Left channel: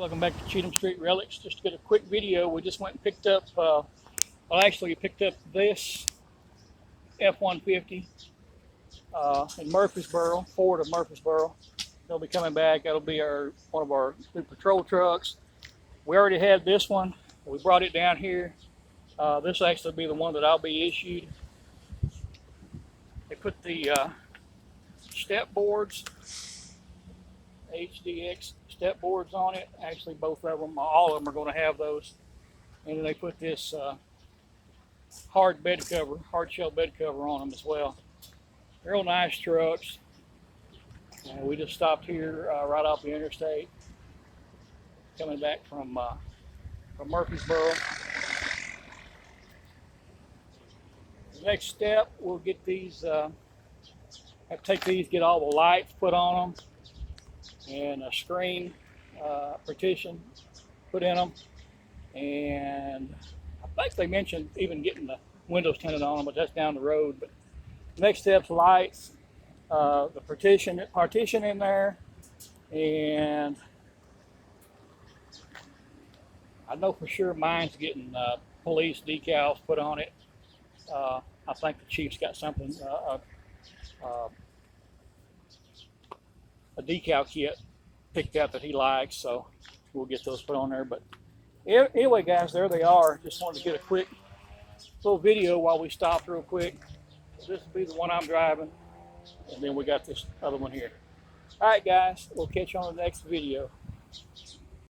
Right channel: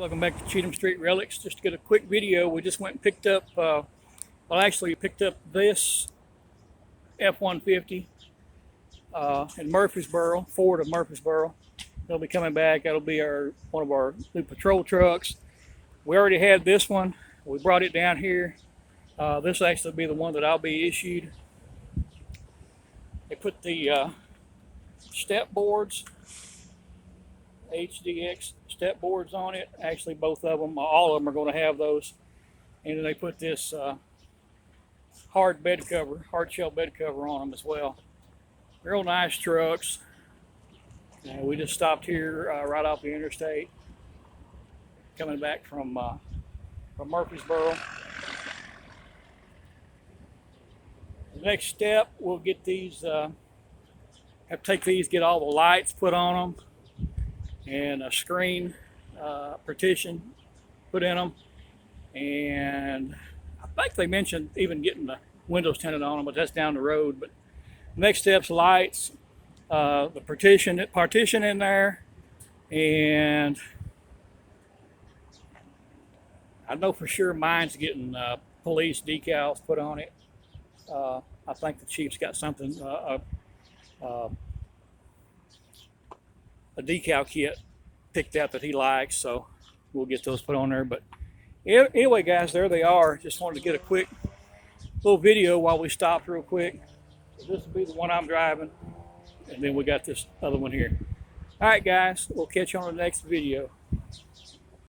Welcome back to Cheatham Street Relics. Just to get a quick video, we just went and picked up, we picked up this F-150 in Murfreesboro, Ford of Murfreesboro. They'll be coming back. That'll be one of our new patrol trucks. We already had this one. We brought it down here. This will actually be the one that I'll be issued. They put the step boards, HDX step boards on it. Actually, both of them, all of them are going to have those. And then they put this hard shell bed cover on them as well. Real nice trucks. And we just stopped here right off the interstate, coming back from Murfreesboro. The next step, we'll get these. Have to take these, get all the lights put on them, and a screen partition put in them. And I think they mentioned even getting the windows tinted on them, but that's down the road. But next step's lights, the partition in there, and I know for sure mine's getting police decals put on it. I think the chief's got something, a decal kit picked out that he likes, so we'll get those put on there. But anyway, guys, there they are. Just wanted to get a quick little video while we stopped real quick. So this will be the one I'm driving, and then we got this other one here. All right, guys, we'll catch you on the next video.